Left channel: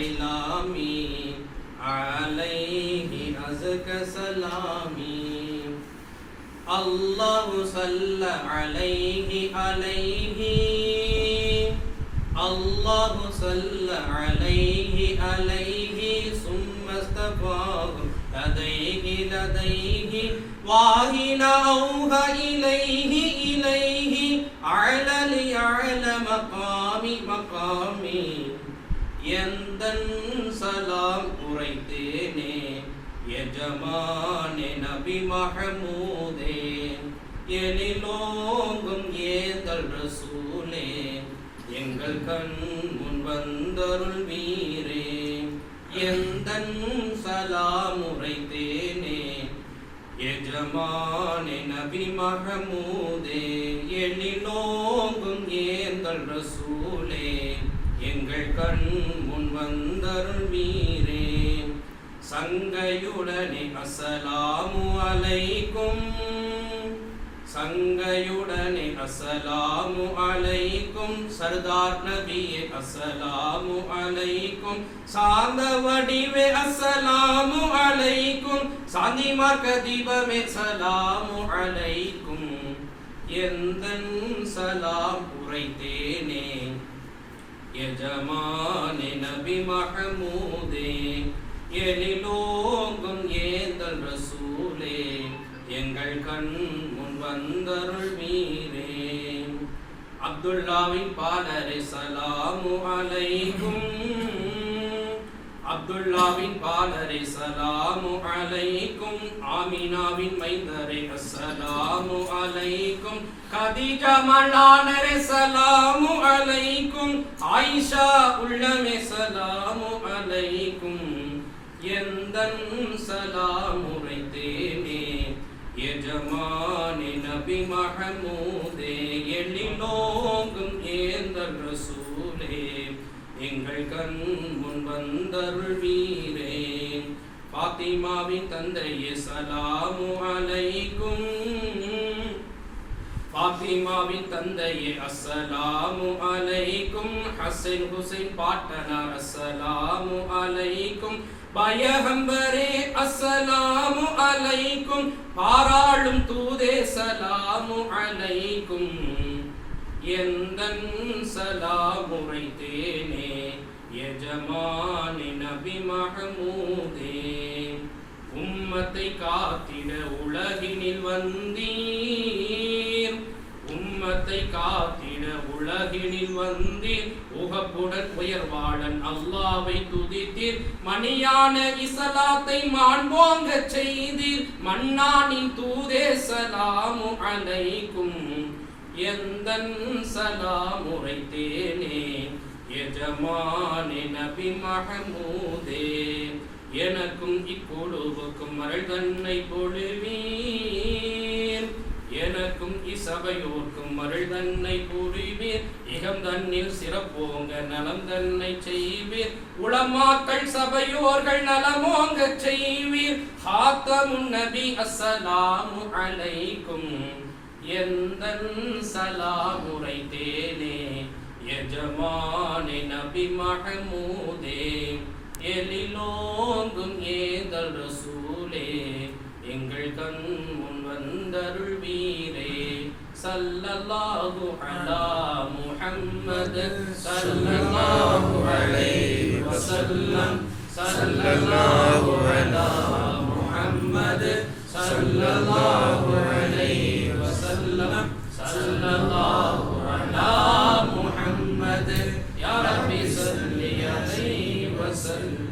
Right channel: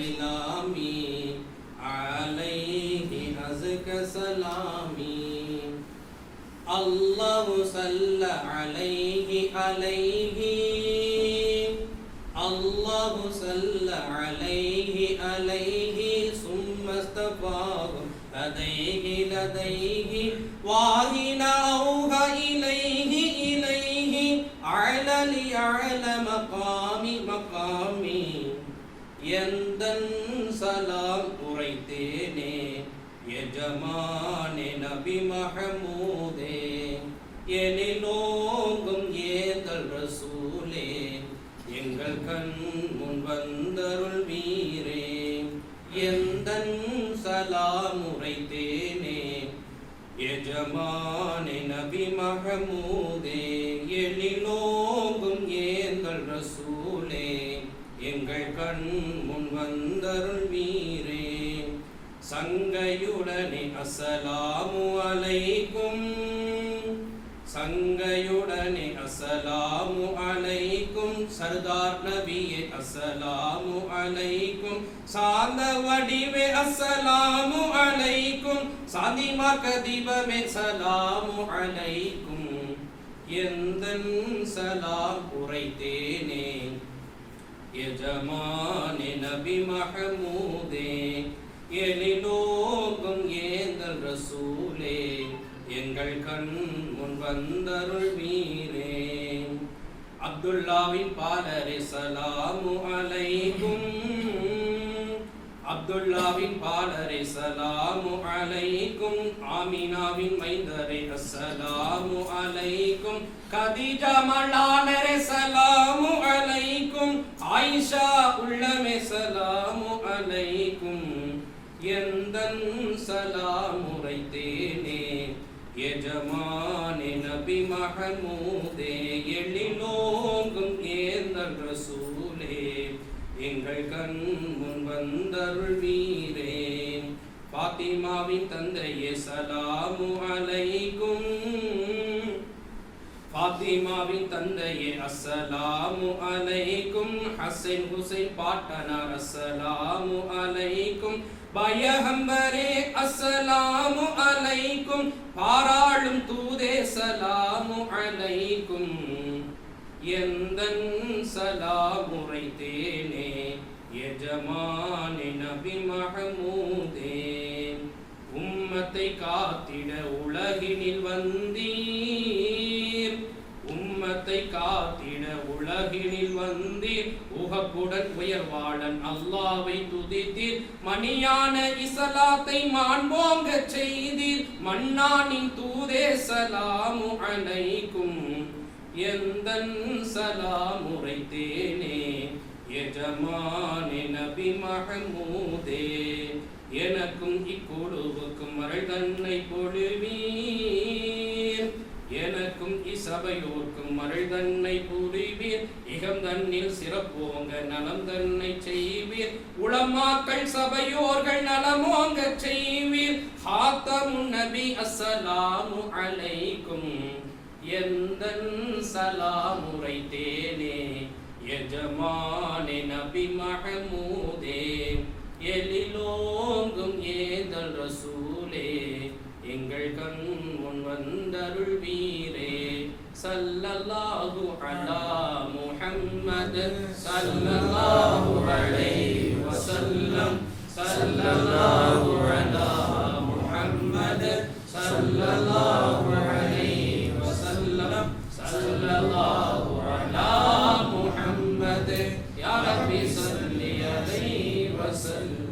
إعلامي عليه أزكى سلامي الله صلى عليه الله صلى عليه ثم استفاض لديه واهل أوها إليه أعلى مقامي எந்தன் சலாம் உரைத்தேனே எஜமானே நபி மஹமூதே எனிலோங்கும் ஏதல் ரசூலே எங்கள் கண் முன் வந்தருள் வீரே எந்தன் சலாம் உரைத்தேனே எஜமானே நபி மஹமூதே எனிலோங்கும் ஏதல் ரசூலே எங்கள் கண் முன் வந்தருள் வீரே சங்கையுடனே அஸ்ஸலாமு அலைக்கும் சங்கையுடனே அஸ்ஸலாமு அலைக்கும் சர்தார் நபியே அஸ்ஸலாமு அலைக்கும் சாந்த வடிவே அஸ்ஸலாமு அலைக்கும் சாந்தி மார்க்க தீபமே சலாமு அலைக்கும் எந்தன் சலாம் உரைத்தேனே எஜமானே நபி மஹமூதே எனிலோங்கும் ஏந்தல் ரசூலே எங்கள் கண் முன் வந்தருள் வீரே அப்துல்லாவின் பாலரே சலாமு அலைக்கும் அப்துல்லாவின் பாலரே சலாமு அலைக்கும் ஆமினாவின் மைந்தரே அஸ்ஸலாமு அலைக்கும் கதீஜா மலானரே சலாமு அலைக்கும் ஆயிஷா உள்ளமே சலாமு அலைக்கும் எந்தன் சலாம் உரைத்தேனே எஜமானே நபி மஹமூதே எழிலோங்கும் ஏந்தல் ரசூலே எங்கள் கண் முன் வந்தருள் வீரே பாத்திமாவின் தந்தையே சலாமு அலைக்கும் பாத்திமாவின் தந்தையே அஸ்ஸலாமு அலைக்கும் ஹசன் ஹுசைன் பாட்டனார் அஸ்ஸலாமு அலைக்கும் பயகம்பரே அஸ்ஸலாமு அலைக்கும் பாராளும் தூதே சலாமு அலைக்கும் எந்தன் சலாம் உரைத்தேனே எஜமானே நபி மஹமூதே உம்மத்தை காத்திட உலகினில் வந்தீர் உம்மத்தை காத்திட உலகினில் வந்தீர் உகப்புடன் உயர்வாளன் அல்லாவை துதித்தீர் மணியான இஸ்லாத்தை மாண்போங்க செய்தீர் மன்னானின் தூதே சலாமு அலைக்கும் எந்தன் சலாம் உரைத்தேனே எஜமானே நபி மஹமூதே எனக்கும் இக்குழுவுக்கும் அருள் தன்னை பொழிவீர் எனக்கும் இசபையோர்க்கும் அருள் தன்னை புரிவீர் இகம் தன்னில் சிறப்போங்க நலம் தன்னை செய்வீர் உலமாக்கள் சபையோர்கள் நலமோங்க செய்வீர் ஹாத்தமுன் நபி அஸ்ஸலாமு அலைக்கும் எந்தன் சலாம் உரைத்தேனே எஜமானே நபி மஹமூதே எழிலோங்கும் ஏதல் ரசூலே எங்கள் கண் முன் வந்தருள் வீரே ஸல்லல்லாஹு அலா முஹம்மத் ஸல்லல்லாஹு அலைஹி வஸல்லம் ஸல்லல்லாஹு அலா முஹம்மத் ஸல்லல்லாஹு அலைஹி வஸல்லம் ஸல்லல்லாஹு அலா முஹம்மத் யா ரப்பி ஸல்லி அலைஹி வஸல்லம்